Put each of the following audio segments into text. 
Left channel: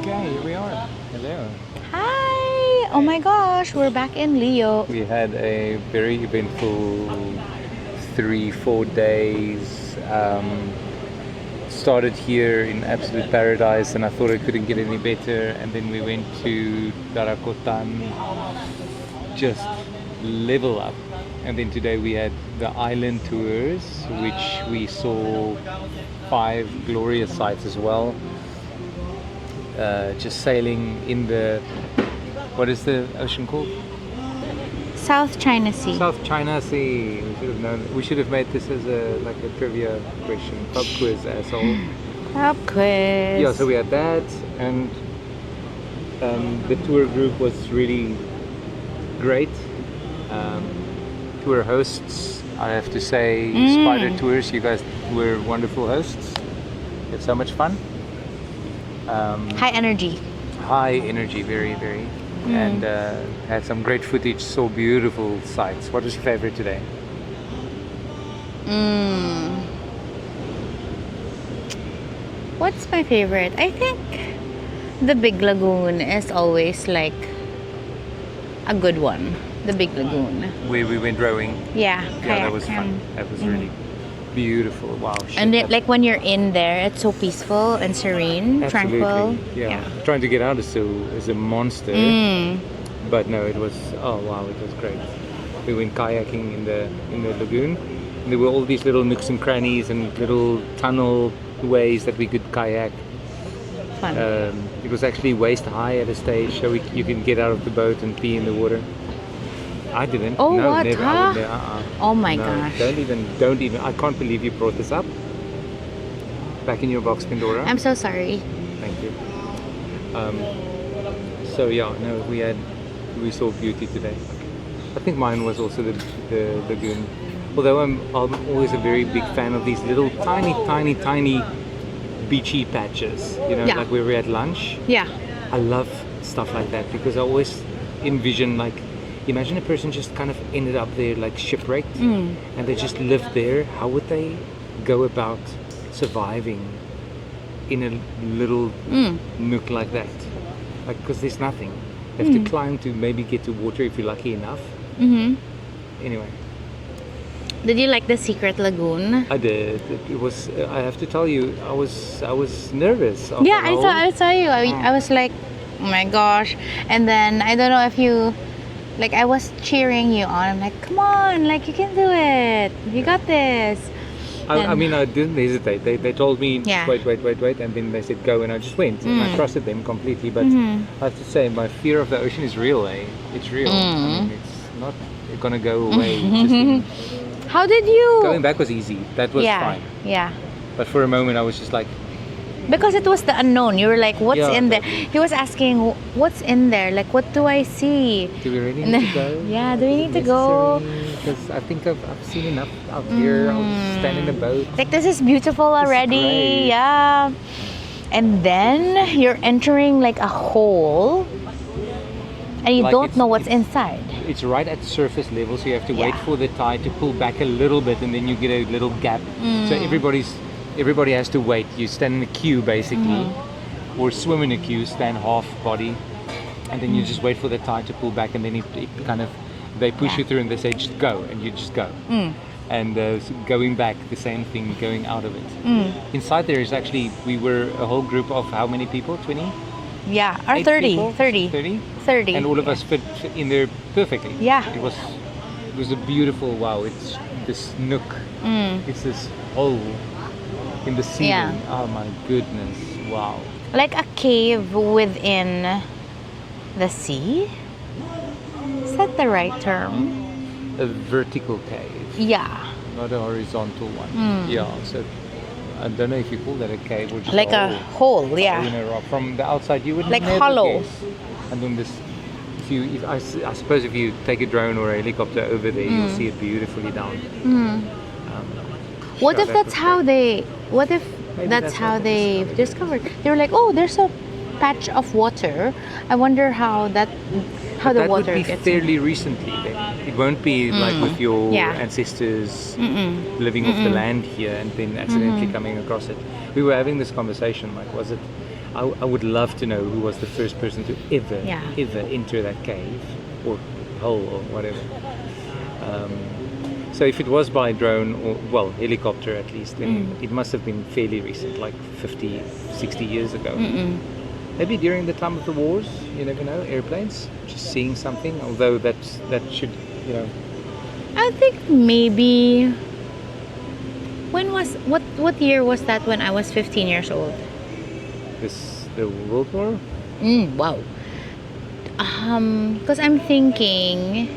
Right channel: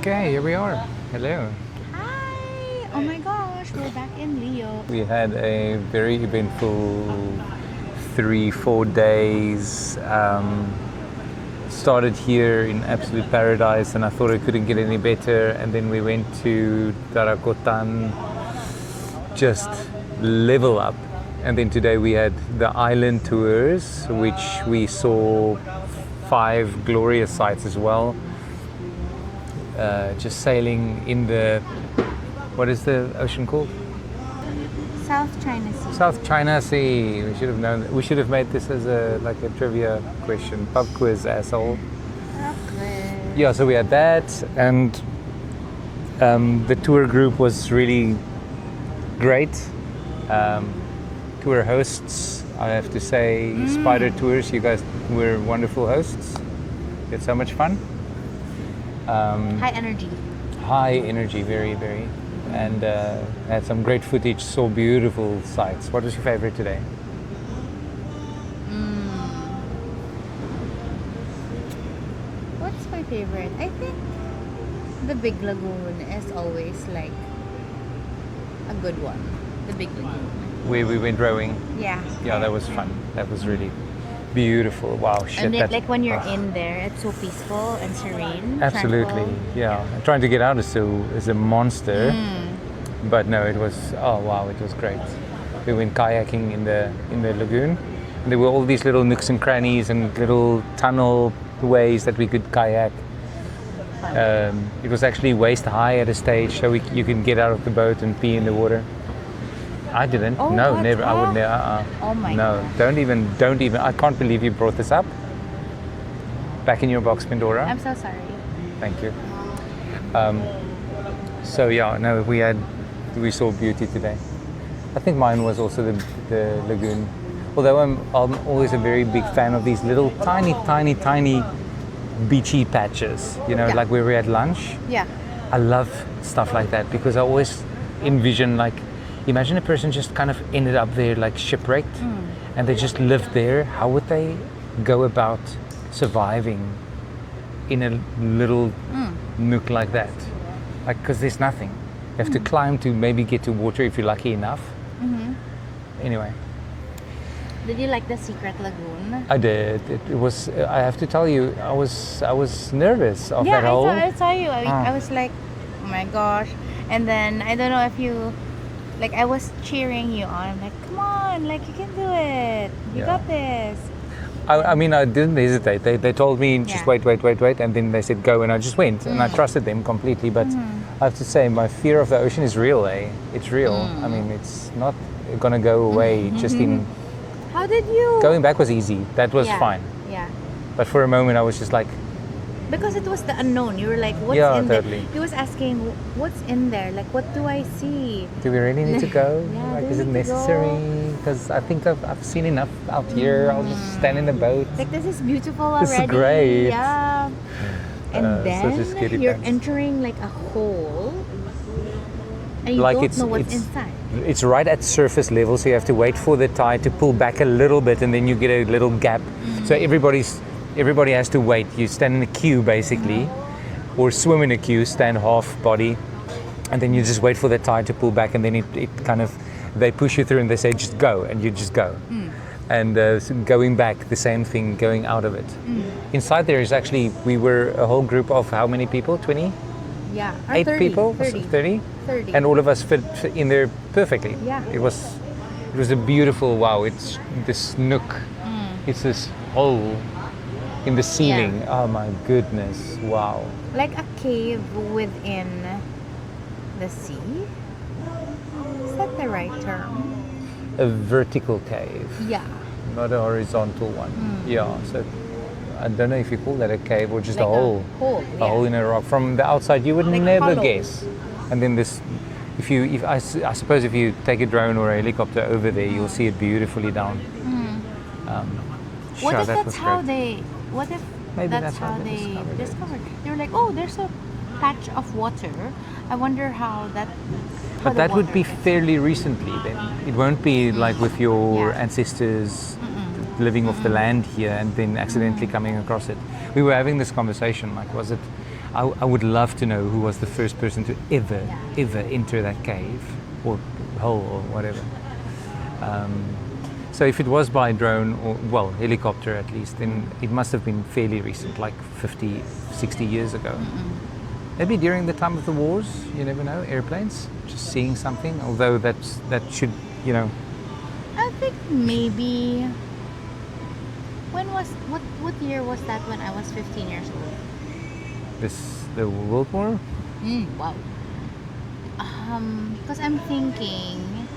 Okay, here we are. Hello. Hi! Oh my gosh, we're back in Leo. We had a very eventful 3-4 days. Started here in absolute paradise, and I thought it couldn't get any better. And then we went to Tarakotan, just level up. And then today we had the island tours, which we saw 5 glorious sites as well. Just sailing in the, what is the ocean called? South China Sea. South China Sea. We should have known. We should have made this as a trivia question. Pub quiz, asshole. Pub quiz. Yeah, so we had that, and the tour group was really great. Tour hosts, I have to say, Spider Tours, you guys were wonderful hosts. We had so much fun. High energy. High energy, very, very. And had some great footage, saw beautiful sights. What was your favorite today? What's my favorite? I think the Big Lagoon is always like a good one. The Big Lagoon. Where we went rowing. Yeah. Yeah, that was fun. That was really beautiful. Wow. Shit, And it, like when you're in there, it's so peaceful and serene. Absolutely. Tranquil. Yeah. Trying to get out is a monster. But no, it was, oh wow, it was great. We went kayaking in the lagoon. And there were all these little nooks and crannies and little tunnel ways that we could kayak. Fun. It was actually waist high at a stage, so you can get out of the boat and pee in the water. I didn't. Oh, no, what? never. Huh? I would never. Oh my no, gosh. Don't even. I can't believe you brought this up. Back in your box, Pandora. I'm so sorry. Thank you. So yeah, no, we saw beauty today. I think mine was also the lagoon. Although I'm always a very big fan of these little tiny beachy patches. You know, Yeah. like where we had lunch. Yeah. I love stuff like that because I always envision, like, imagine a person just kind of ended up there like shipwrecked and they just lived there. How would they go about surviving in a little nook like that? Like, because there's nothing. You have to climb to maybe get to water if you're lucky enough. Anyway. Did you like the secret lagoon? I did. It was. I have to tell you, I was nervous. Of Yeah, that I saw you. I was like, oh my gosh. And then I don't know if you, like, I was cheering you on. I'm like, come on, like you can do it. You got this. I mean, I didn't hesitate. They told me just Yeah. wait, and then they said go, and I just went, and I trusted them completely. But I have to say, my fear of the ocean is real. It's real. I mean, it's not gonna go away. Just in How did you? going back was easy. That was fine. Yeah. But for a moment, I was just like, Because it was the unknown. You were like, what's Yeah, in there? totally. He was asking, what's in there? Like, what do I see? do we really need to go? Yeah, do Is we it need to go? necessary? Because I think I've seen enough out here. I'll just stand in a boat. Like, this is beautiful This is already. great. Yeah. And such a then scary you're place. entering like a hole and you Like, don't it's- know what's it's- inside. It's right at surface level, so you have to wait Yeah. for the tide to pull back a little bit, and then you get a little gap. So everybody has to wait. You stand in a queue basically, or swim in a queue, stand half body, and then you just wait for the tide to pull back, and then it kind of, they push you through and they say just go, and you just go. And so going back, the same thing, going out of it. Inside there is actually, we were a whole group of how many people? 20? Yeah, or 8 30, people? 30. 30? 30. And all of us fit in there perfectly. Yeah. It was a beautiful, wow, it's this nook. It's this hole in the ceiling. Oh my goodness, wow. Like a cave within the sea? Is that the right term? A vertical cave, Yeah. not a horizontal one. Yeah, so I don't know if you call that a cave or just Like a hole. a hole, A yeah. hole in a rock. From the outside, you would Like never hollow. guess. And then this, I suppose if you take a drone or a helicopter over there, you'll see it beautifully down. What Sure, if that that's was how great. they, what if Maybe that's how what they discovered? They were like, oh, there's a patch of water. I wonder how But the that water would be gets fairly recently then. It won't be like with your Yeah. ancestors living off the land here and then accidentally coming across it. We were having this conversation, like, was it, I would love to know who was the first person to ever enter that cave or hole or whatever. So if it was by drone or, well, helicopter at least, then it must have been fairly recent, like 50, 60 years ago. Maybe during the time of the wars, you never know, airplanes, just seeing something, although that should, you know. I think maybe, what year was that when I was 15 years old? The World War? Wow. Because I'm thinking,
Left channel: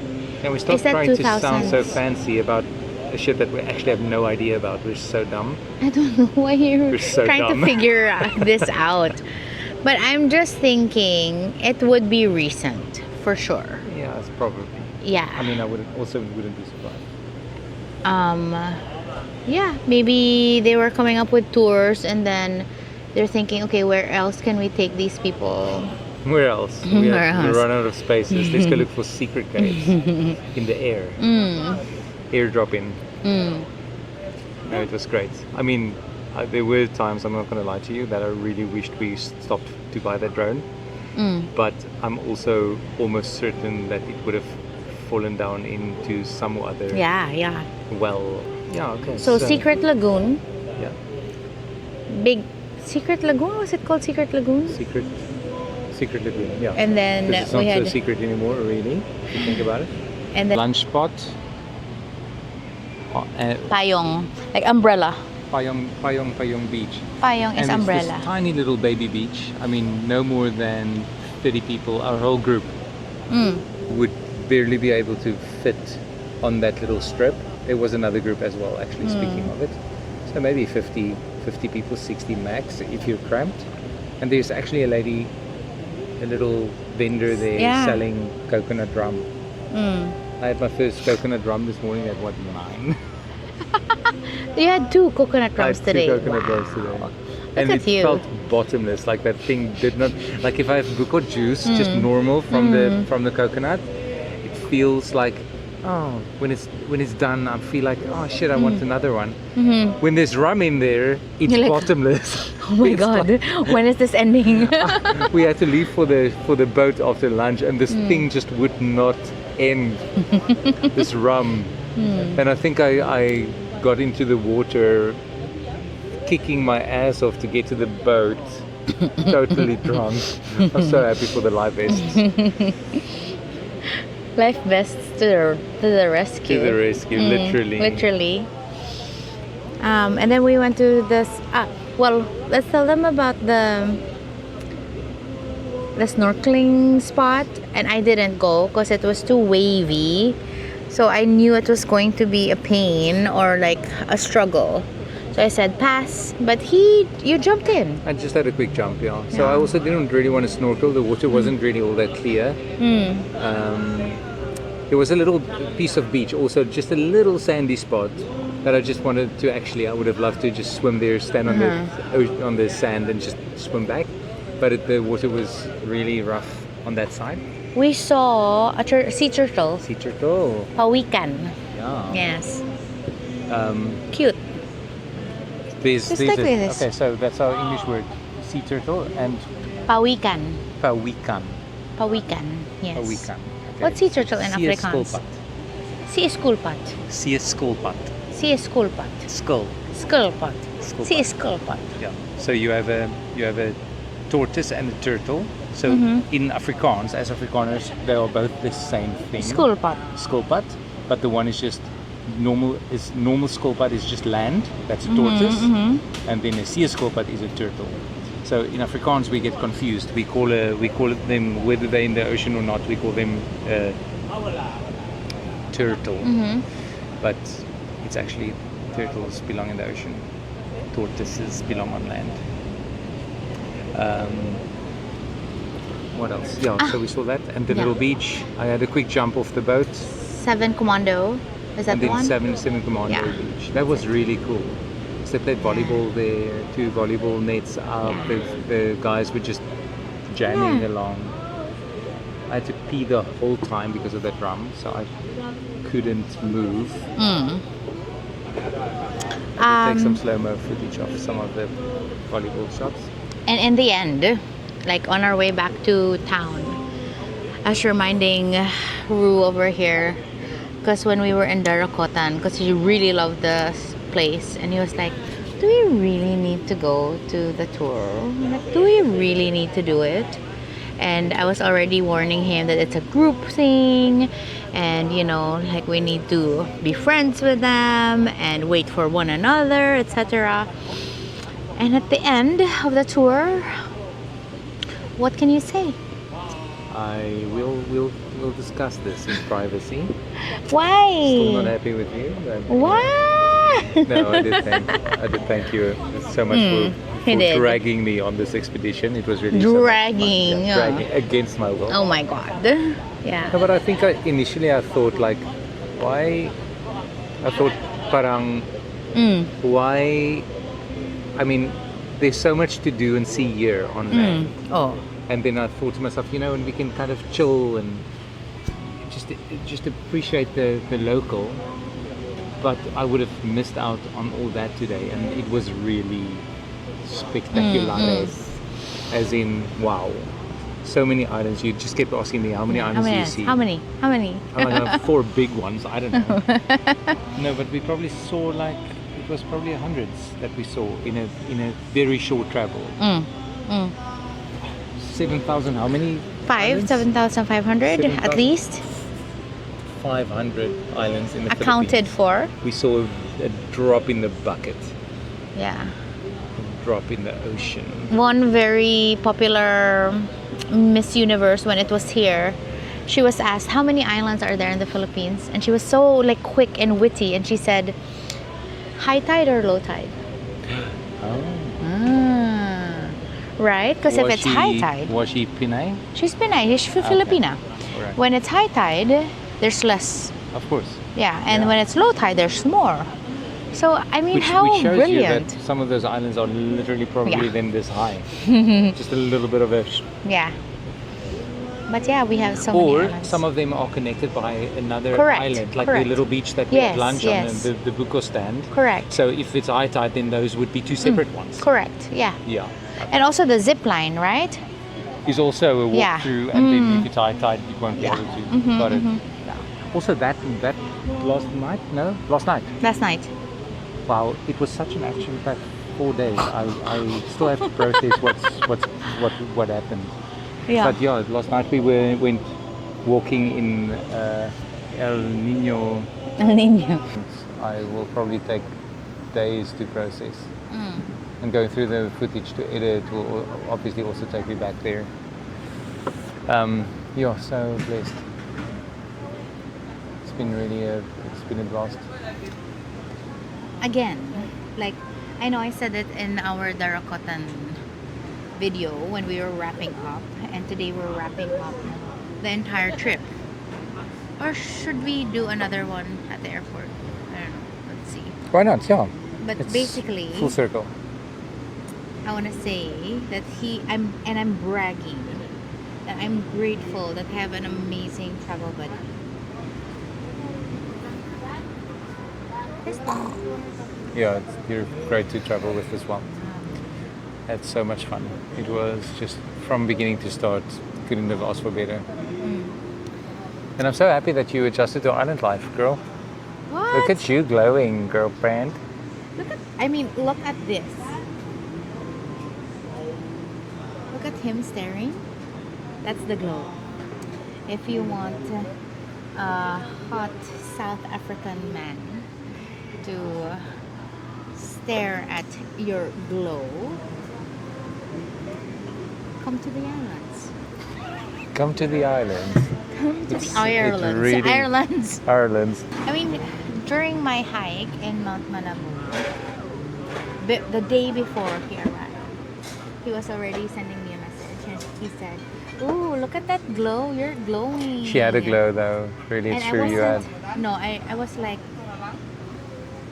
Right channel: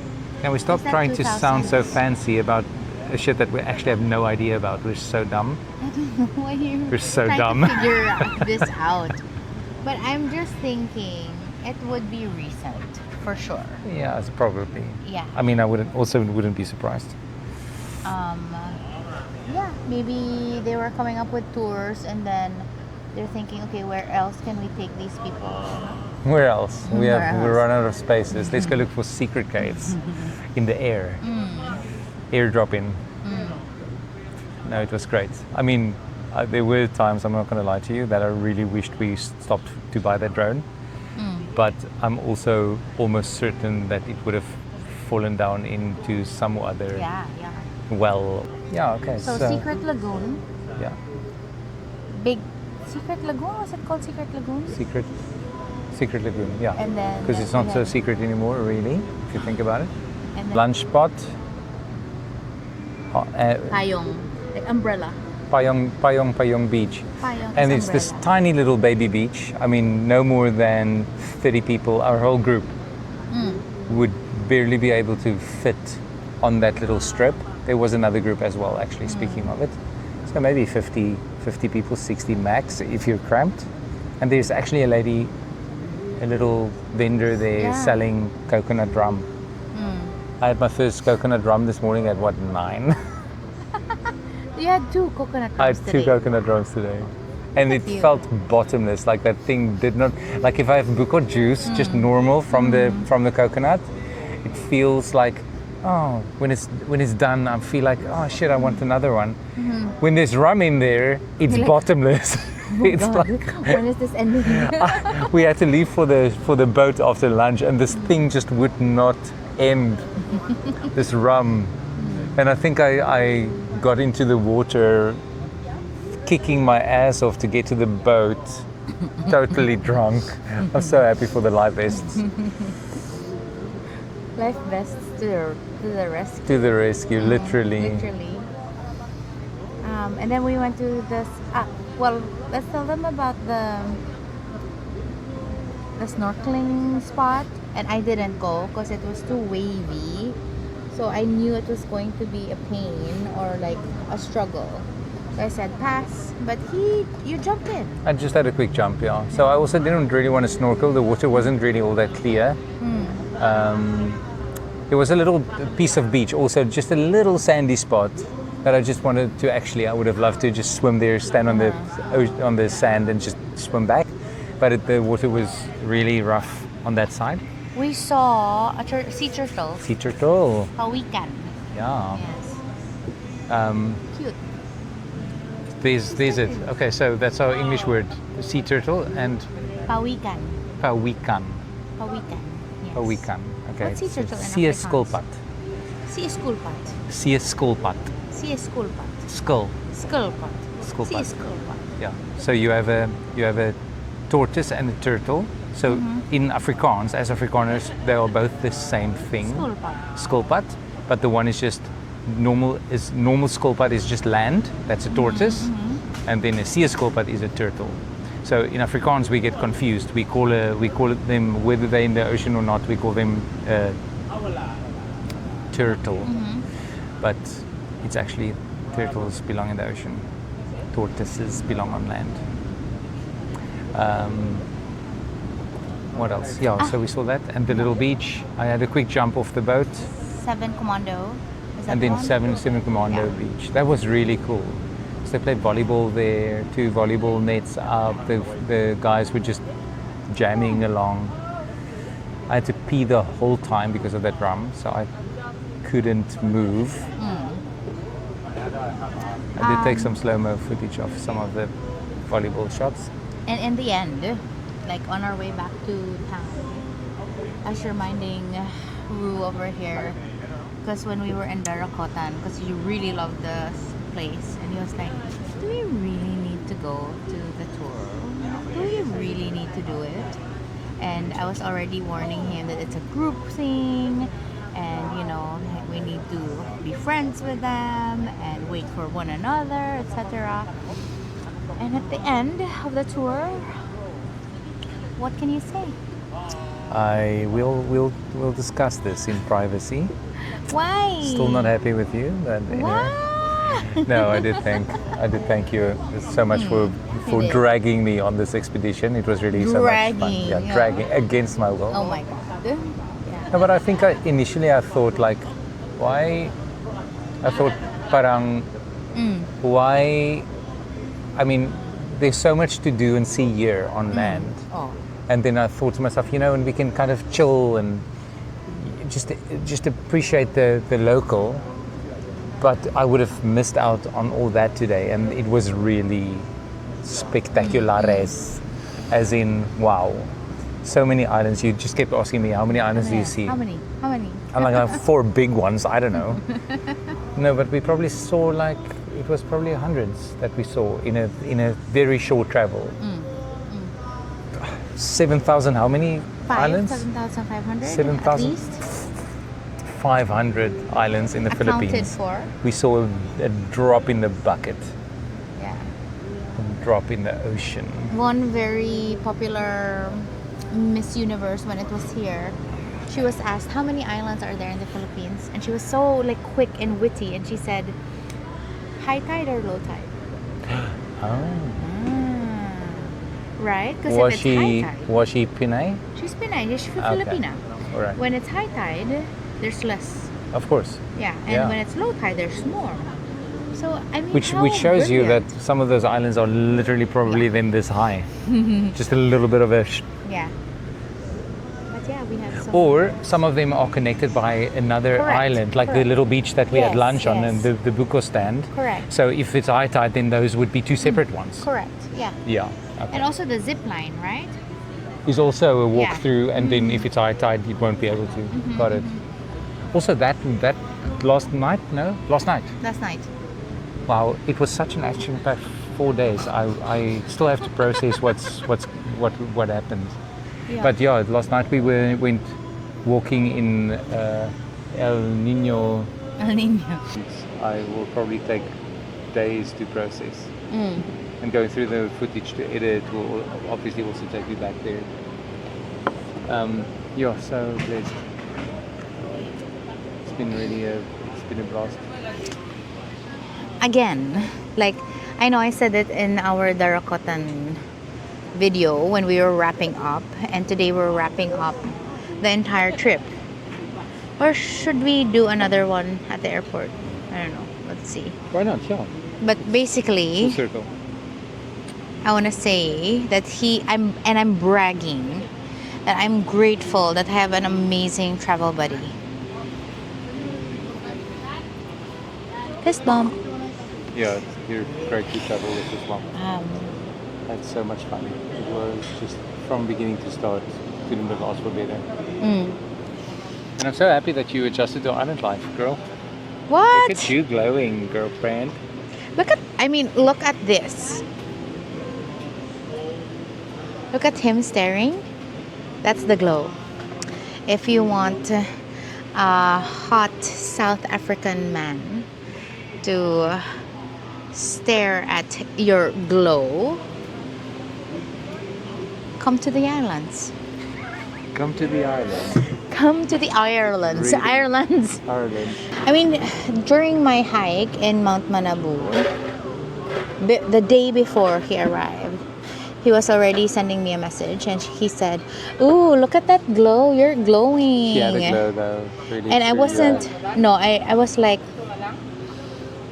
And we stop is that trying to sound so 2000s? fancy about a shit that we actually have no idea about. We're so dumb. I don't know why you're We're so trying dumb. to figure this out. But I'm just thinking it would be recent, for sure. Yeah, it's probably. Yeah. I mean, I wouldn't be surprised. Yeah, maybe they were coming up with tours and then they're thinking, okay, where else can we take these people? Where else? We run out of spaces. Let's go look for secret caves in the air. Airdrop in. No, it was great. I mean, there were times, I'm not going to lie to you, that I really wished we stopped to buy that drone. But I'm also almost certain that it would have fallen down into some other Yeah. well. Yeah, okay. So Secret Lagoon, Yeah. big Secret Lagoon, was it called Secret Lagoon? Secret Lagoon, yeah. And then Because it's not we so had, secret anymore, really, if you think about it. and then Lunch spot. Payong, like umbrella. Payong Beach. Payong is And it's umbrella. this tiny little baby beach. I mean, no more than 30 people, our whole group, would barely be able to fit on that little strip. There was another group as well, actually, speaking of it. So maybe 50 people, 60 max if you're cramped. And there's actually a little vendor there selling coconut rum. I had my first coconut rum this morning at 9? You had 2 coconut I rums had today. 2 coconut rums today. And at it you. felt bottomless, like that thing did not, like if I have buko juice, just normal from the coconut, it feels like, oh, when it's done, I feel like, oh shit, I want another one. When there's rum in there, it's You're like, bottomless. Oh my It's god, when is this ending? we had to leave for the boat after lunch, and this thing just would not end. This rum, and I think I got into the water, kicking my ass off to get to the boat, totally drunk. I'm so happy for the life vests. Life vests to the rescue. To the rescue, literally. Literally. And then we went to this. Well, let's tell them about the snorkeling spot. And I didn't go because it was too wavy. So I knew it was going to be a pain or like a struggle. So I said pass. But you jumped in. I just had a quick jump, yeah. So I also didn't really want to snorkel. The water wasn't really all that clear. There was a little piece of beach, also just a little sandy spot that I just wanted to I would have loved to just swim there, stand on the sand and just swim back. But the water was really rough on that side. We saw a sea turtle. Sea turtle. Pawikan. Yeah. Yes. Cute. There's Just like this. okay, so that's our English word, sea turtle and Pawikan. pawikan. Pawikan. Yes. Pawikan. Okay. What's sea turtle in Sea Afrikaans? Skilpad. Sea Skilpad. Sea Skilpad. Sea Skilpad. Skull. Skilpad. Skilpad. Sea Skilpad. Yeah. So you have a tortoise and a turtle. So in Afrikaans, as Afrikaners, they are both the same thing. Skilpad. Skilpad, but the one is just normal. Normal skilpad is just land. That's a tortoise, and then a sea skilpad is a turtle. So in Afrikaans we get confused. We call them, whether they're in the ocean or not, we call them turtle. But it's actually turtles belong in the ocean. Tortoises belong on land. What else? Yeah, so we saw that. And the little beach. I had a quick jump off the boat. 7 Commando. Is that And the then one? 7 Commando Yeah. Beach. That was really cool. So they played volleyball there, 2 volleyball nets up. The guys were just jamming along. I had to pee the whole time because of that rum, so I couldn't move. I did take some slow-mo footage of some of the volleyball shots. And in the end, like on our way back to town, I was reminding Ru over here, because when we were in Darakotan, because he really loved the place, and he was like, do we really need to go to the tour? Like, do we really need to do it? And I was already warning him that it's a group thing, and you know, like we need to be friends with them and wait for one another, etc. And at the end of the tour, what can you say? We'll discuss this in privacy. Why? Still not happy with you. Why? No, I did thank you so much for dragging me on this expedition. It was really dragging, so much fun. Yeah, dragging against my will. Oh my god. Yeah. No, but I think initially I thought like, why? I thought parang why? I mean, there's so much to do and see here on land. Oh. And then I thought to myself, you know, and we can kind of chill and just appreciate the local. But I would have missed out on all that today, and it was really spectaculares, as in wow, so many islands. You just kept asking me how many islands do you see? How many? I'm like 4 big ones. I don't know. No, but we probably saw like it was probably hundreds that we saw in a very short travel. 7,000. How many? 7,500 at least. 500 islands in the Accounted Philippines. for. We saw a drop in the bucket. Yeah. Drop in the ocean. One very popular Miss Universe, when it was here, she was asked how many islands are there in the Philippines, and she was so like quick and witty, and she said high tide or low tide. Right? Because if it's high tide, was she Pinay? she's Pinay, she's Filipina. Right. When it's high tide, there's less. Of course. Yeah, and when it's low tide, there's more. So I mean, Which shows brilliant. you that some of those islands are literally probably then this high. Just a little bit of a. Yeah. But yeah, we have so many Or islands. some of them are connected by another Correct, island, like correct. the little beach that we had Yes, lunch on, yes. and the Buko stand. Correct. So if it's high tide, then those would be two separate ones. Correct. Yeah. Yeah. And also the zip line, right? Is also a walk Yeah. through, and then if it's high tide, you won't be able to. Got it. Also, that last night. Last night. Wow, it was such an action-packed 4 days. I still have to process what happened. Yeah. But yeah, last night we went walking in El Nino. El Nino. I will probably take days to process. And going through the footage to edit will obviously also take me back there. Yeah, so blessed. It's been a blast. Again, like I know I said it in our Darakotan video when we were wrapping up, and today we're wrapping up the entire trip. Or should we do another one at the airport? I don't know. Let's see. Why not? Yeah. But It's basically, full circle. I want to say that I'm bragging that I'm grateful that I have an amazing travel buddy. Fist bump. Yeah, you're great to travel with as well. Had so much fun. It was just from beginning to start, couldn't have asked for better. And I'm so happy that you adjusted to island life, girl. What? Look at you glowing, girlfriend. Look at this. Look at him staring. That's the glow. If you want a hot South African man to stare at your glow, come to the islands. Come to the island. Come to the Irelands. really- Irelands. Ireland. I mean, during my hike in Mount Manabu, the day before he arrived, he was already sending me a message, and he said, "Ooh, look at that glow! You're glowing." She had a glow though. Really And I true, wasn't. No, I was like,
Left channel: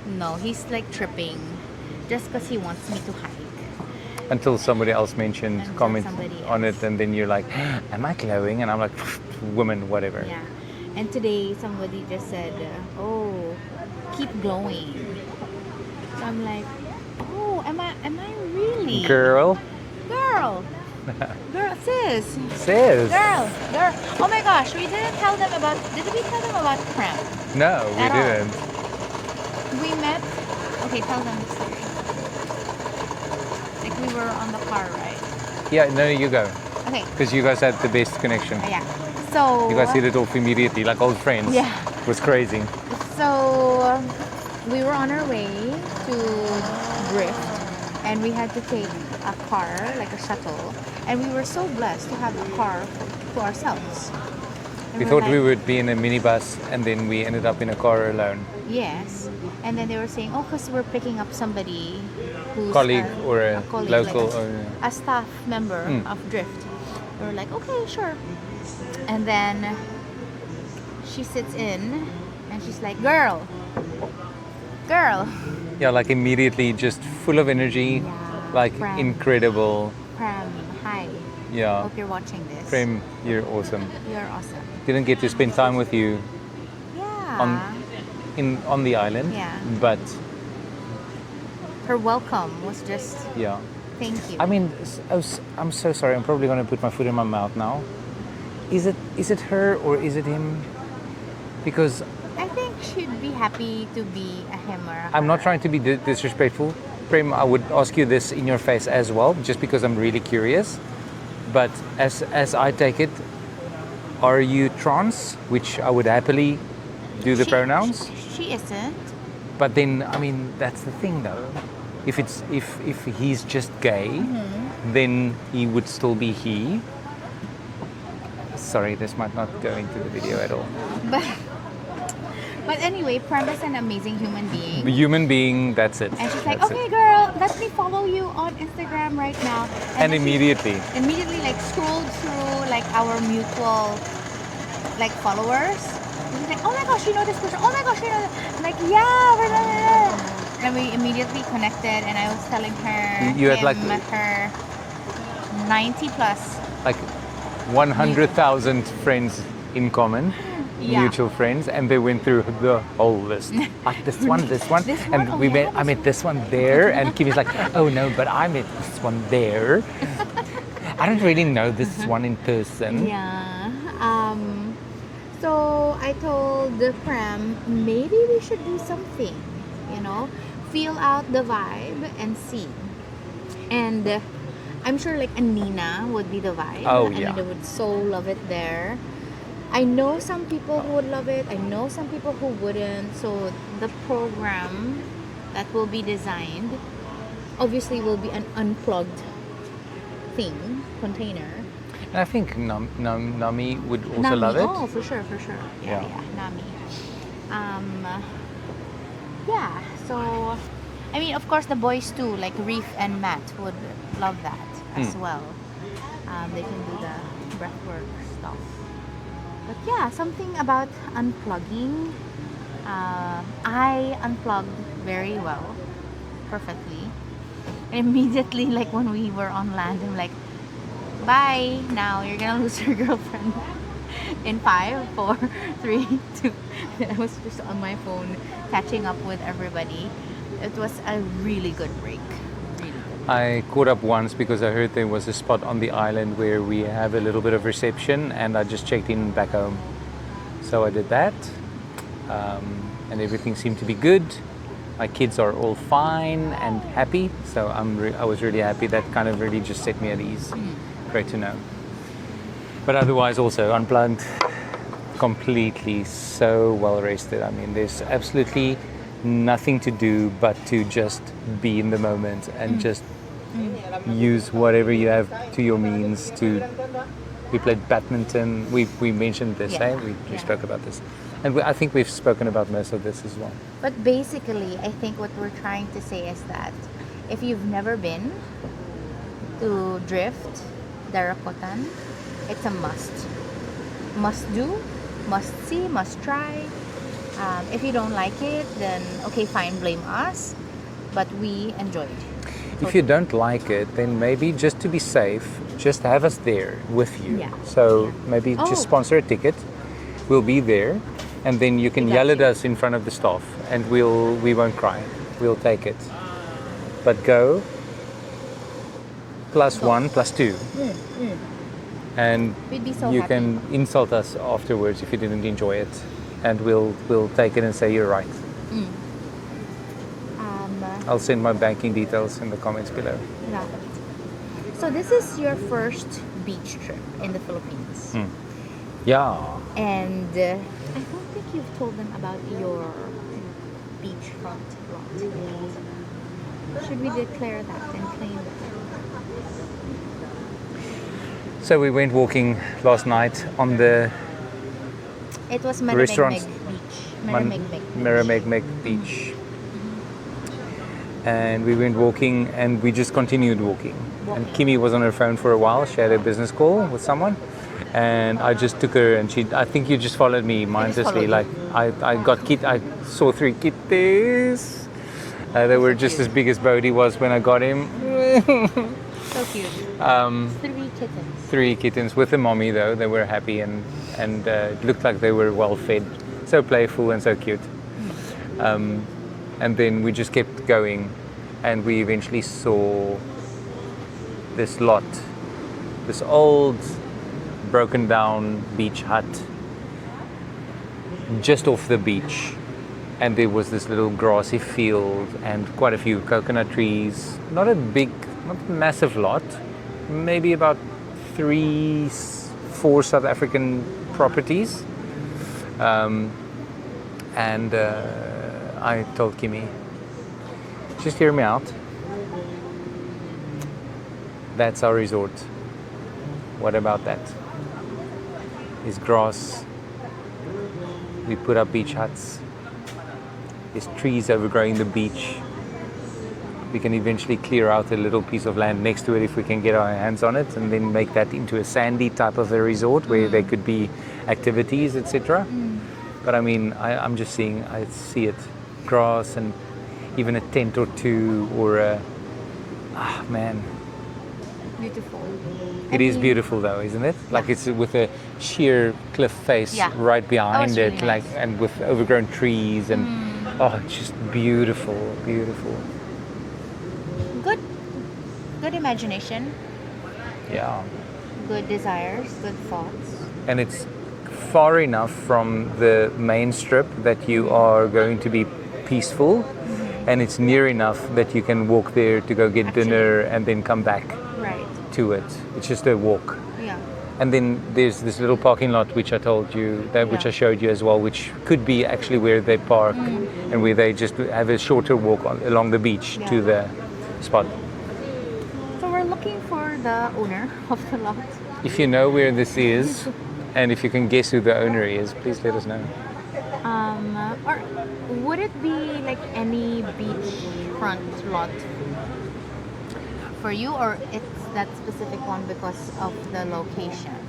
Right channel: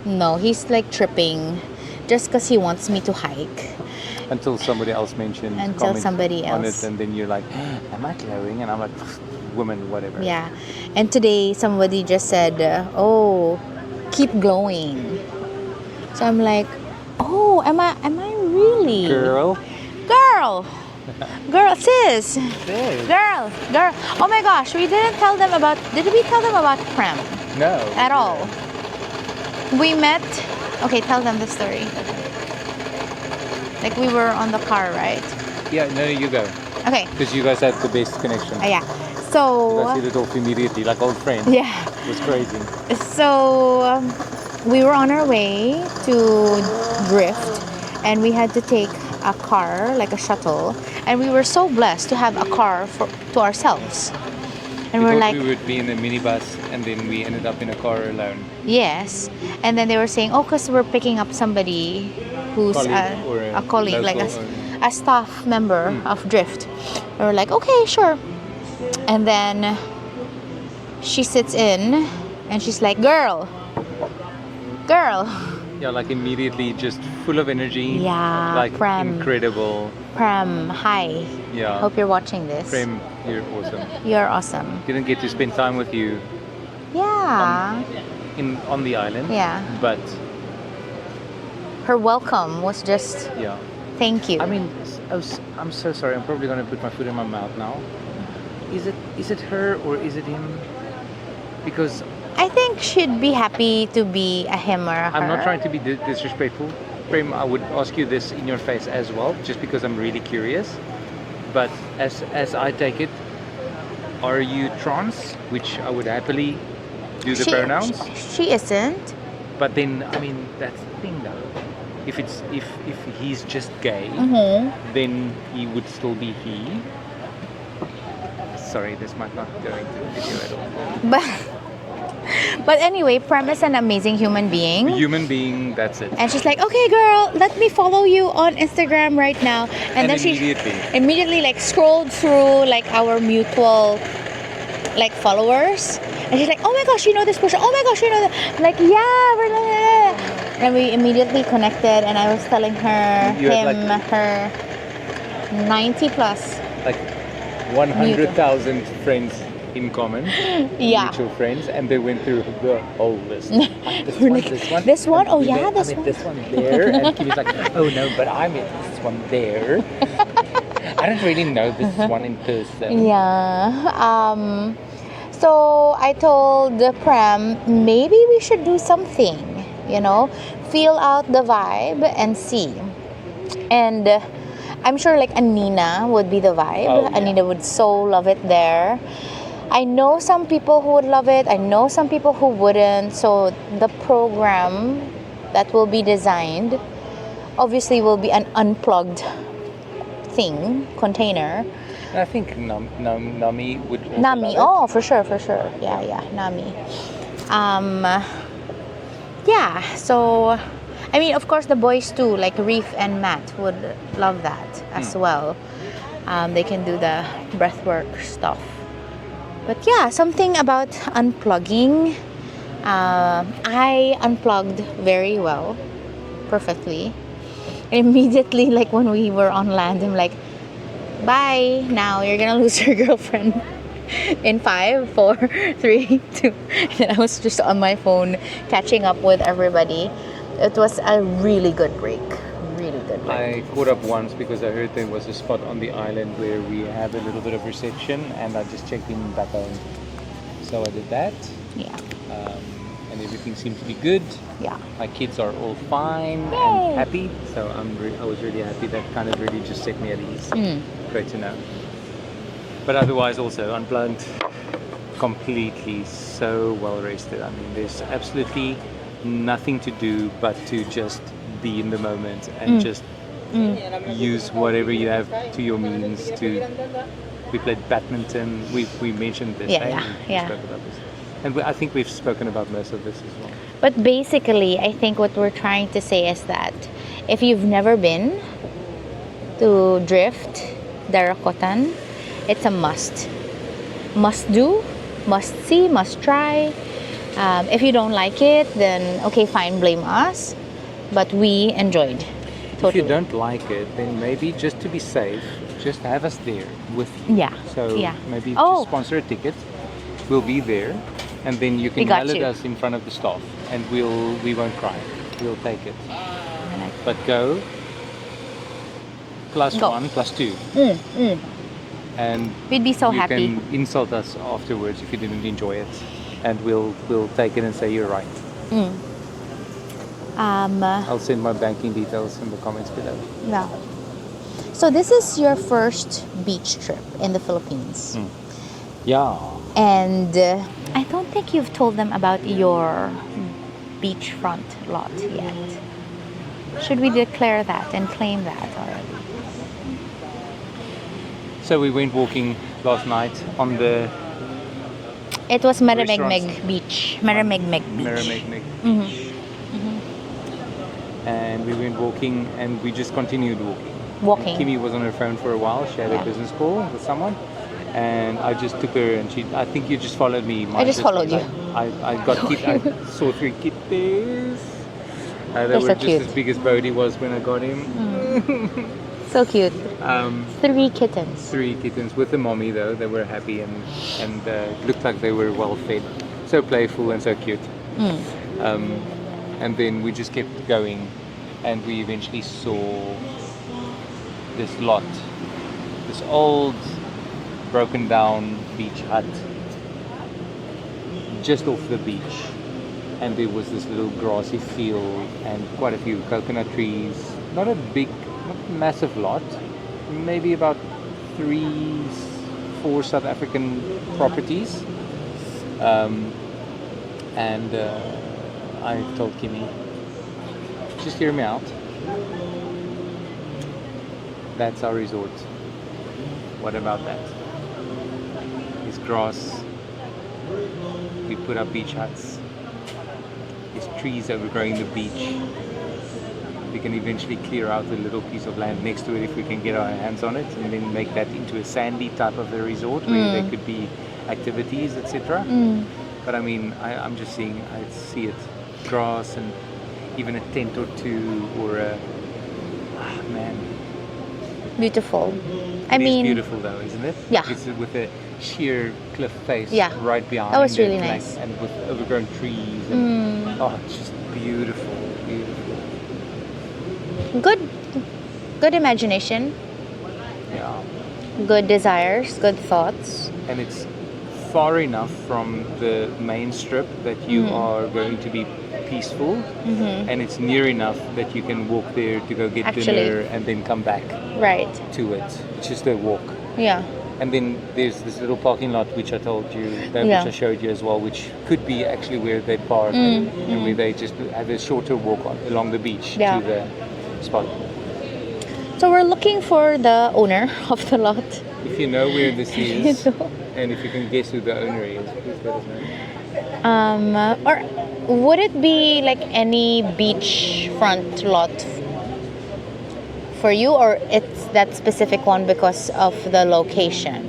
no, he's like tripping, just because he wants me to hike. Until somebody else mentioned Until comment somebody on else. it, and then you're like, "Am I glowing?" And I'm like, "Woman, whatever." Yeah, and today somebody just said, "Oh, keep glowing." So I'm like, "Oh, am I really?" Girl. Girl. girl, girl, sis, Sis. girl. Oh my gosh, we didn't tell them about. Did we tell them about Prem? No, we At all. didn't. We met. Okay, tell them the story. Like we were on the car, right? Yeah, no, you go. Okay. Because you guys had the best connection. Yeah. So. You guys hit it off immediately, like old friends. Yeah. It was crazy. So we were on our way to Drift, and we had to take a car, like a shuttle, and we were so blessed to have a car to ourselves. And We we're thought like, we would be in a minibus, and then we ended up in a car alone. yes. And then they were saying, oh, because we're picking up somebody who's Colleague or a colleague, like local, a staff member of Drift. We were like, okay, sure. And then she sits in, and she's like, girl. Yeah, like immediately just full of energy. Yeah, Like Prem. incredible. Prem, hi. Yeah. Hope you're watching this. Prem, you're awesome. You're awesome. Didn't get to spend time with you Yeah. on the island. Yeah. But Her welcome was just yeah. thank you. I mean, I'm so sorry. I'm probably gonna put my foot in my mouth now. Is it her or is it him? Because I think she'd be happy to be a him or a her. I'm not trying to be disrespectful. Prem, I would ask you this in your face as well, just because I'm really curious. But as I take it, are you trans? Which I would happily do the pronouns. She isn't. But then, I mean, that's the thing though. If he's just gay, then he would still be he. Sorry, this might not go into the video at all. But anyway, Prem is an amazing human being. Human being, that's it. And she's like, That's okay, it. girl, let me follow you on Instagram right now. And then immediately. she immediately like scrolled through like our mutual like followers. And she's like, oh my gosh, you know this person. Oh my gosh, you know that. I'm like, yeah. And we immediately connected, and I was telling her, You had, him, like- her 90 plus. Like 100,000 friends in common, Yeah. mutual friends, and they went through the whole list. This one, this one, This one? and Oh, we yeah, met, I this met one. this one there, and Kimi's like, oh no, but I met this one there. I don't really know this one in person. Yeah. So I told Prem, maybe we should do something, feel out the vibe and see. And I'm sure like Anina would be the vibe. Oh, yeah. Anina would so love it there. I know some people who would love it. I know some people who wouldn't. So the program that will be designed obviously will be an unplugged container. And I think Nami would also Nami, love it. oh, for sure. Yeah, Nami. Yeah, so, I mean, of course, the boys too, like Reef and Matt would love that as well. They can do the breathwork stuff. But yeah, something about unplugging. I unplugged very well, perfectly. Immediately, like when we were on land, I'm like, bye, now you're gonna lose your girlfriend in 5, 4, 3, 2. And I was just on my phone catching up with everybody. It was a really good break. I caught up once because I heard there was a spot on the island where we have a little bit of reception, and I just checked in back home. So I did that, Yeah. and everything seemed to be good. Yeah. My kids are all fine Yay. and happy, so I was really happy. That kind of really just set me at ease. Great to know. But otherwise, also unplugged, completely so well rested. I mean, there's absolutely nothing to do but to just be in the moment and just use whatever you have to your means. We played badminton. We mentioned this, Yeah, eh? We yeah. spoke about this, and I think we've spoken about most of this as well. But basically, I think what we're trying to say is that if you've never been to Drift, Darakotan, it's a must. Must do, must see, must try. If you don't like it, then okay, fine, blame us. But we enjoyed. If you don't like it, then maybe just to be safe, just have us there with you. Yeah, So yeah. maybe Oh. just sponsor a ticket. We'll be there, and then you can We got yell at you. us in front of the staff, and we won't cry. We'll take it. But go plus Go. 1 plus 2. And We'd be so you happy. can insult us afterwards if you didn't enjoy it, and we'll take it and say you're right. I'll send my banking details in the comments below. Yeah. So this is your first beach trip in the Philippines. Yeah. And I don't think you've told them about your beachfront lot yet. Should we declare that and claim that already? So we went walking last night on the It was Restaurants. Maramegmeg Beach. Maramegmeg Beach. Maramegmeg Beach. And we went walking, and we just continued walking. Walking. And Kimi was on her phone for a while. She had a business call with someone, and I just took her, and I think you just followed me mindlessly. followed you. Like I saw 3 kitties. They They're were so just cute. as big as Bodhi was when I got him. So cute. 3 kittens. 3 kittens with a mommy though. They were happy and it looked like they were well fed. So playful and so cute. And then we just kept going, and we eventually saw this lot, this old broken down beach hut just off the beach, and there was this little grassy field and quite a few coconut trees. Not a massive lot, maybe about 3-4 South African properties. I told Kimi, just hear me out. That's our resort. What about that? There's grass. We put up beach huts. There's trees overgrowing the beach. We can eventually clear out a little piece of land next to it if we can get our hands on it, and then make that into a sandy type of a resort where there could be activities, etc. But I mean, I see it. Grass and even a tent or two, or a Beautiful. It is beautiful though, isn't it? Yeah. Like it's with a sheer cliff face right behind Oh, it's it, really nice. and with overgrown trees and it's just beautiful. Good imagination, Yeah. good desires, good thoughts. And it's far enough from the main strip that you are going to be peaceful, and it's near enough that you can walk there to go get dinner and then come back Right. to it. It's just a walk. Yeah. And then there's this little parking lot which I told you, which I showed you as well, which could be actually where they park and where they just have a shorter walk along the beach to the spot. So we're looking for the owner of the lot. If you know where this is, and if you can guess who the owner is, please let us know. Or would it be like any beachfront lot for you, or it's that specific one because of the location?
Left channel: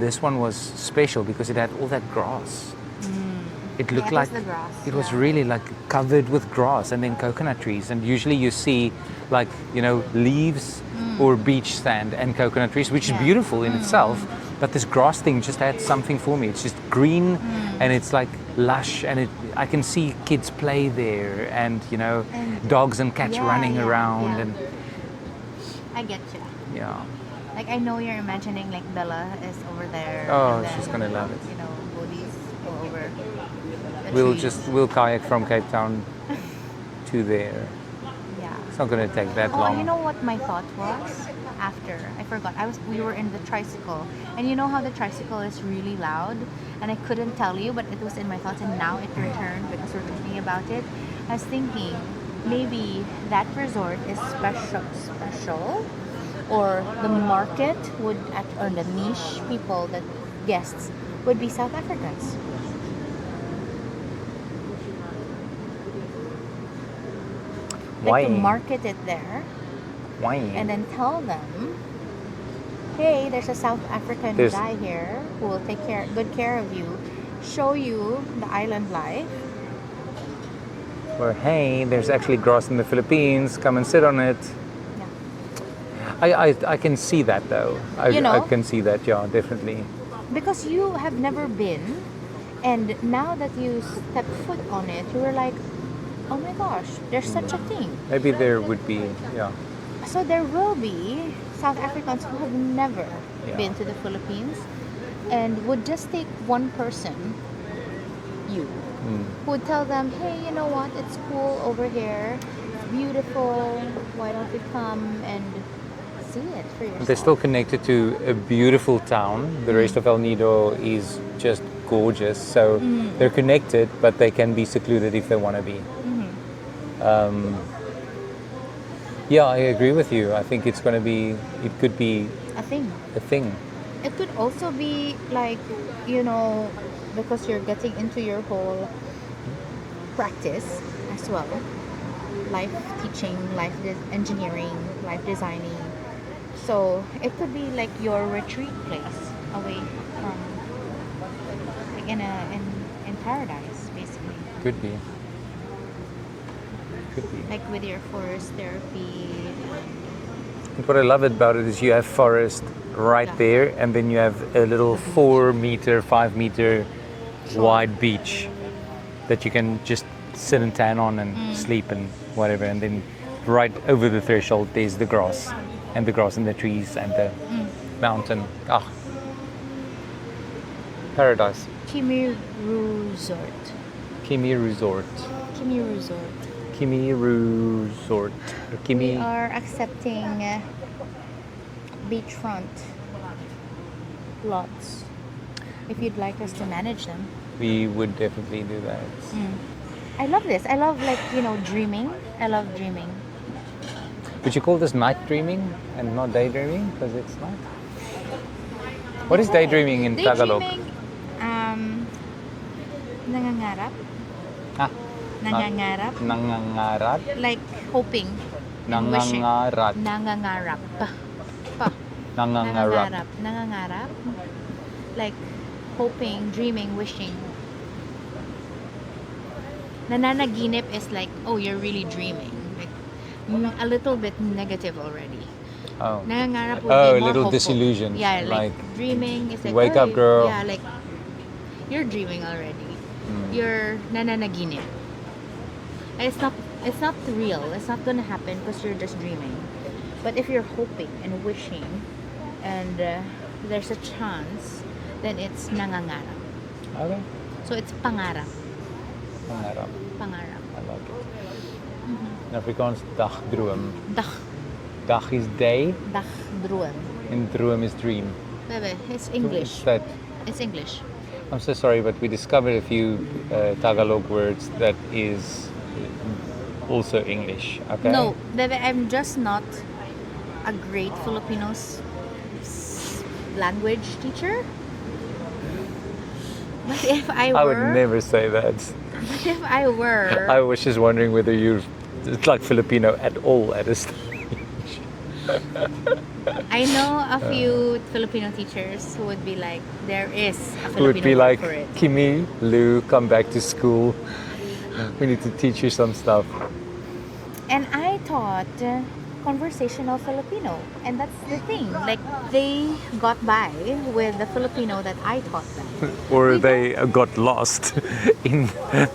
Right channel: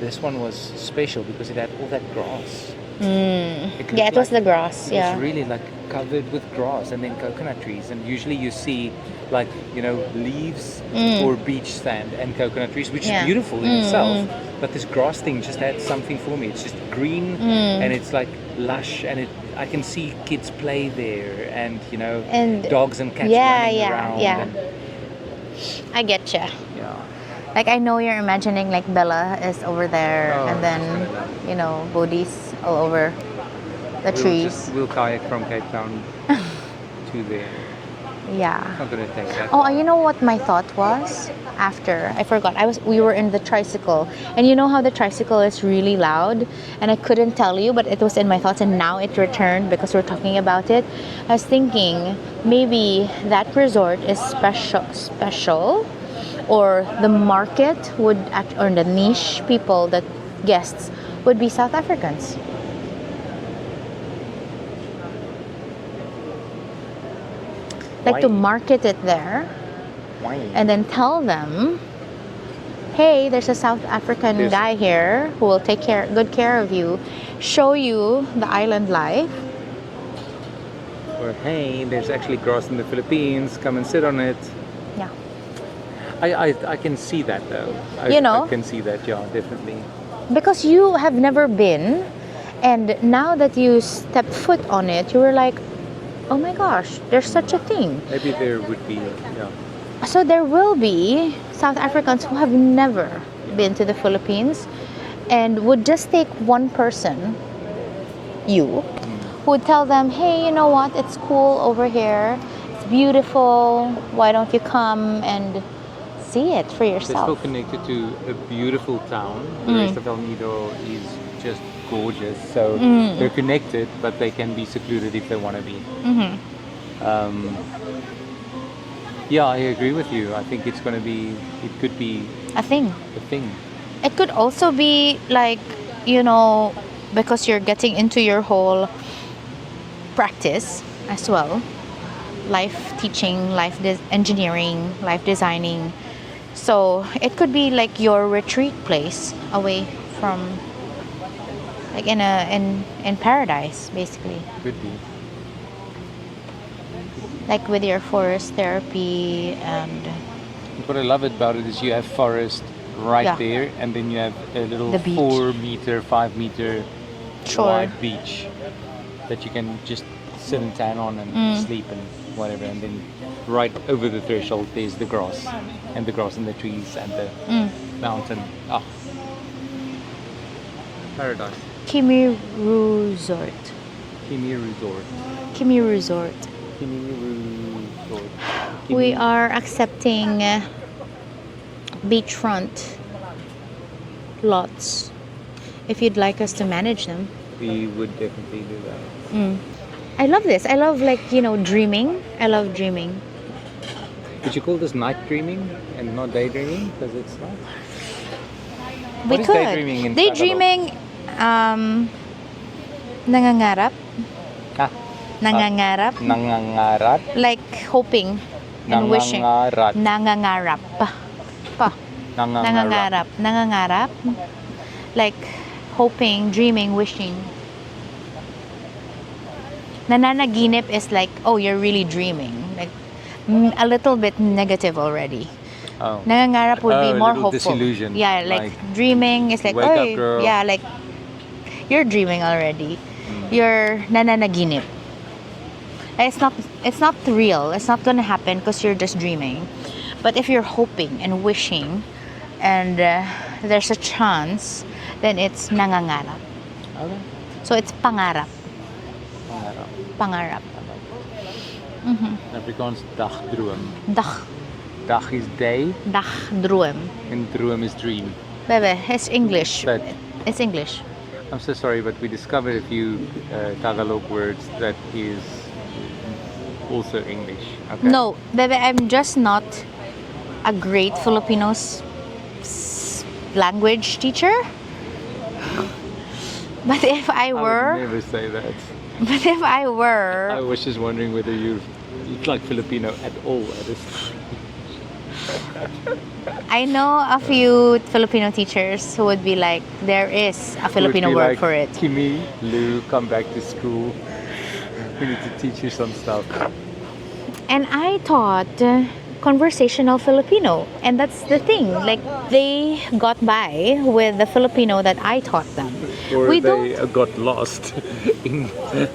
This one was special because it had all that grass. It Yeah, it was the grass. It was really like covered with grass and then coconut trees. And usually you see like, leaves or beach sand and coconut trees, which is beautiful in itself. But this grass thing just had something for me. It's just green and it's like lush, and I can see kids play there, and And dogs and cats running around. yeah. And, I get you. yeah. Like, I know you're imagining like Bella is over there, and she's gonna love. Bodhi's all over the trees. We'll kayak from Cape Town to there. Yeah. It's not gonna take that Oh, long. you know what my thought was? After I forgot, we were in the tricycle, and you know how the tricycle is really loud, and I couldn't tell you, but it was in my thoughts, and now it returned because we're talking about it. I was thinking maybe that resort is special, or the market would act, or the niche people, that guests would be South Africans. Like to Why? market it there. Why? And then tell them, hey, there's a South African guy here who will take good care of you, show you the island life. Or hey, there's actually grass in the Philippines. Come and sit on it. Yeah. I can see that though. I can see that, yeah, definitely. Because you have never been, and now that you step foot on it, you were like, oh my gosh, there's such a thing. Maybe there would be, yeah. So there will be South Africans who have never been to the Philippines and would just take one person, you, who would tell them, hey, you know what, it's cool over here, it's beautiful, why don't you come and see it for They're still yourself? connected to a beautiful town. The rest of El Nido is just gorgeous. So they're connected, but they can be secluded if they want to be. Yeah, I agree with you. I think it's going to be, it could be A thing. a thing. It could also be like, you know, because you're getting into your whole practice as well, life teaching, engineering, life designing. So it could be like your retreat place away from, like in paradise, basically, Could be. like with your forest therapy and What I love about it is you have forest right Yeah. there, and then you have a little The beach. 4 meter, 5 meter Shore. wide beach that you can just sit and tan on and sleep and whatever. And then right over the threshold, there's the grass and the trees and the mountain. Ah, paradise. KimiRu Resort. KimiRu Resort. KimiRu Resort. KimiRu Resort. We are accepting beachfront lots. If you'd like us to manage them. We would definitely do that. I love this. I love, like, you know, dreaming. I love dreaming. Would you call this night dreaming and not daydreaming? Because it's What is We could. daydreaming in Tagalog? Daydreaming, nangangarap. Ah, Nangangarap. nangangarap. Like hoping and wishing. Nangangarap. Nangangarap. Pa. Nangangarap. Nangangarap. Like hoping, dreaming, wishing. Nananaginip is like, oh, you're really dreaming. Like a little bit negative already. Oh. Nangangarap would Oh, be a more little hopeful. disillusioned, Yeah, like, like, dreaming is like, wake up, "Oy," girl. yeah, like you're dreaming already. You're nananaginip. It's not real. It's not gonna happen because you're just dreaming. But if you're hoping and wishing, and there's a chance, then it's nangangarap. Okay. So it's pangarap. Nangangarap. Pangarap. In Afrikaans, Dagdroom. Dag, Dag is day Dagdroom. and droom is dream. Bebe, it's English. But It's English. I'm so sorry, but we discovered a few Tagalog words that is also English. Okay? No, Bebe, I'm just not a great Filipino language teacher. But if I I would were, never say that. but if I were, I was just wondering whether you're it's like Filipino at all at this time. I know a few Filipino teachers who would be like, there is a Would Filipino be word like, for it. KimiRu, come back to school. We need to teach you some stuff. And I taught conversational Filipino, and that's the thing. Like, they got by with the Filipino that I taught them. Or We they got lost in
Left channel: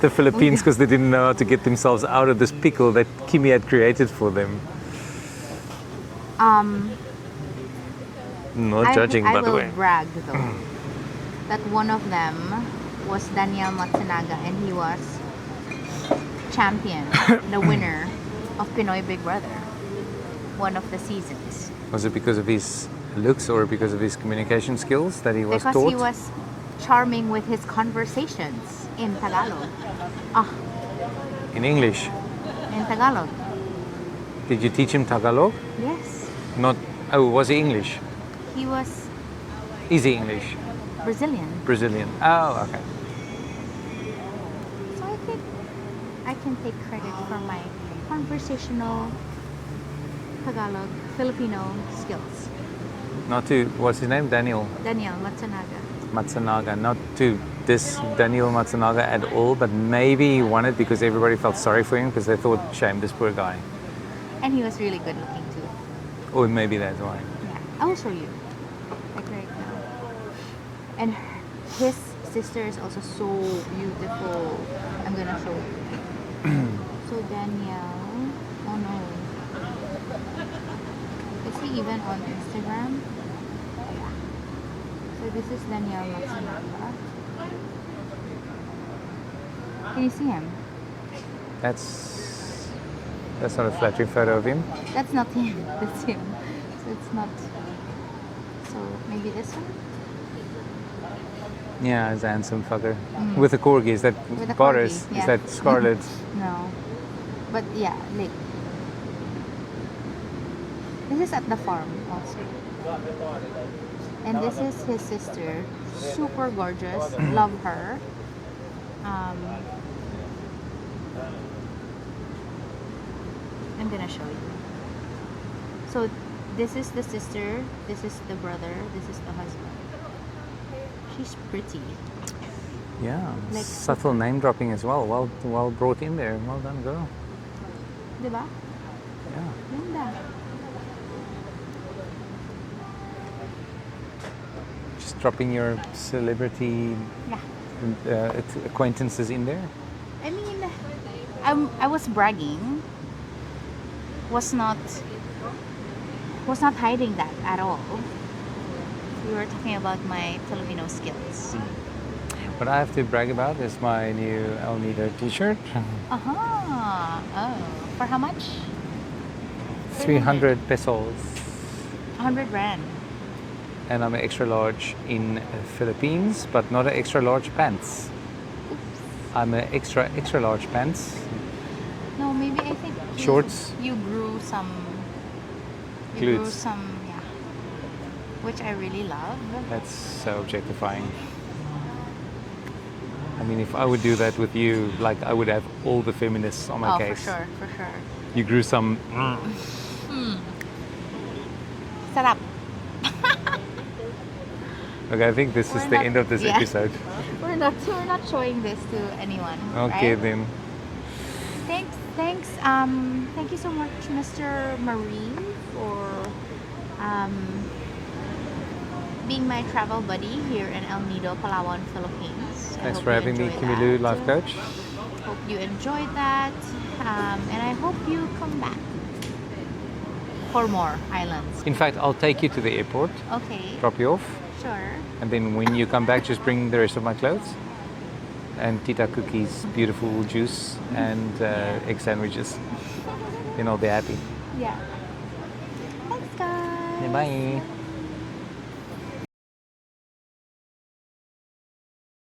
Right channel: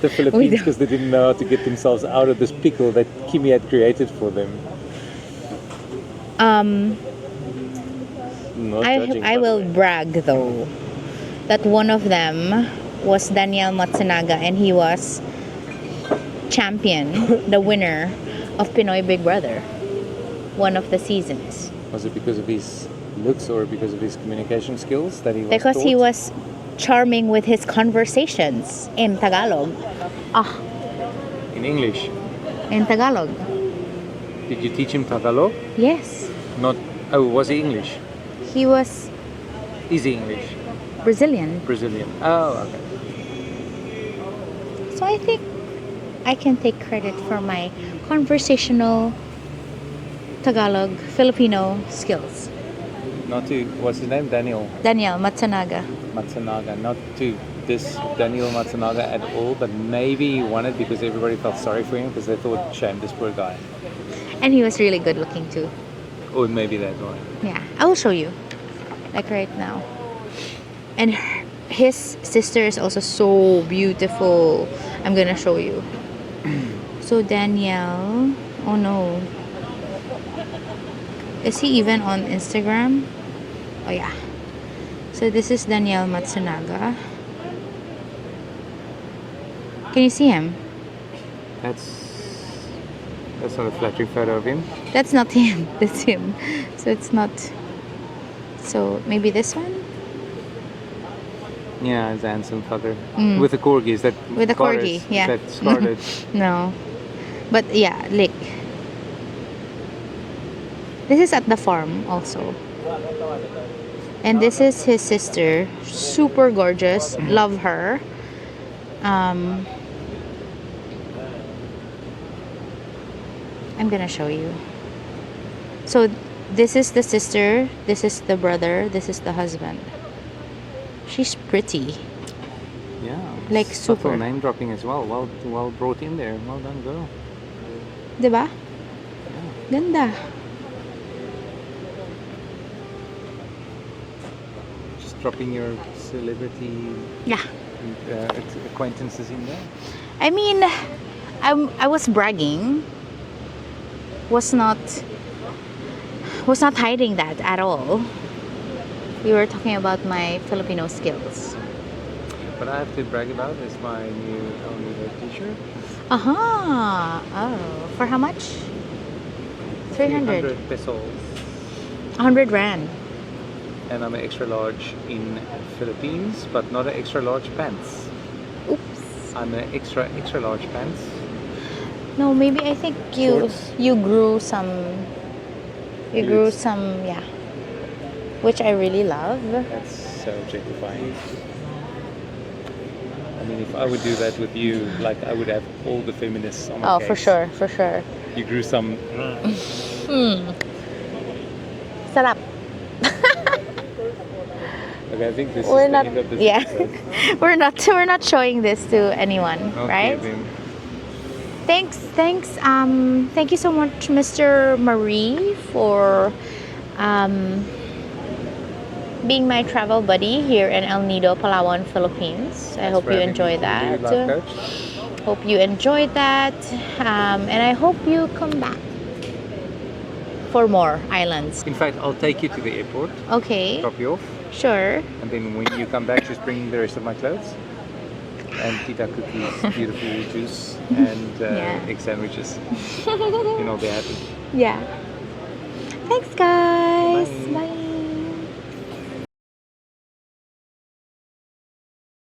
the Philippines because they didn't know how to get themselves out of this pickle that Kimi had created for them. Not judging, I by the will way. brag though that one of them was Daniel Matsunaga, and he was champion, the winner of Pinoy Big Brother, one of the seasons. Was it because of his looks or because of his communication skills that he was Because he taught? was charming with his conversations in Tagalog. In English. In Tagalog. Did you teach him Tagalog? Yes. Not. Oh, was he English? He was Is he English? Brazilian. Brazilian. Oh, okay. So I think I can take credit for my conversational Tagalog Filipino skills. Not to. What's his name? Daniel Daniel Matsunaga. Matsunaga. Not to diss Daniel Matsunaga at all, but maybe he won it because everybody felt sorry for him because they thought, shame, this poor guy. And he was really good looking too. Or maybe that's why. Yeah, I will show you. Like right now. And his sister is also so beautiful. I'm gonna show you. So Danielle, oh no. Is he even on Instagram? Oh yeah. So this is Daniel Matsunaga. Can you see him? That's not a flattering photo of him. That's not him. That's him. So it's not. So maybe this one? Yeah, he's a handsome fucker. With a corgi. Is that With a corgi, Boris? yeah. Is that Scarlet? No. But yeah, like. This is at the farm also. And this is his sister. Super gorgeous. Love her. I'm gonna show you. So this is the sister, this is the brother, this is the husband. She's pretty. Yeah. Like subtle super. name dropping as well. Well brought in there. Well done, girl. Diba? Yeah. Ganda. Just dropping your celebrity Yeah. acquaintances in there. I mean, I was bragging. Was not hiding that at all. We were talking about my Filipino skills. What I have to brag about is my new El Nido t-shirt. Aha! Oh, for how much? 300 pesos. 100 rand. And I'm an extra large in Philippines, but not an extra large pants. Oops. I'm an extra large pants. No, maybe I think Shorts? you grew some. You grew Glutes. some, yeah. Which I really love. That's so objectifying. I mean, if I would do that with you, like I would have all the feminists on my Oh, case. for sure, for sure. You grew some. Sarap. Okay, I think this We're is the not- end of this yeah. episode. we're not showing this to anyone, Okay, right? then. Thanks. Thank you so much, Mr. Marie, for being my travel buddy here in El Nido, Palawan, Philippines. I Thanks hope for you having me, enjoyed KimiRu, that. life coach. Hope you enjoyed that, and I hope you come back for more islands. In fact, I'll take you to the airport, Okay, drop you off, sure. and then when you come back, just bring the rest of my clothes. And Tita cookies, beautiful juice, and Yeah. egg sandwiches. And I'll be happy. Yeah. Thanks, guys. Bye. Bye.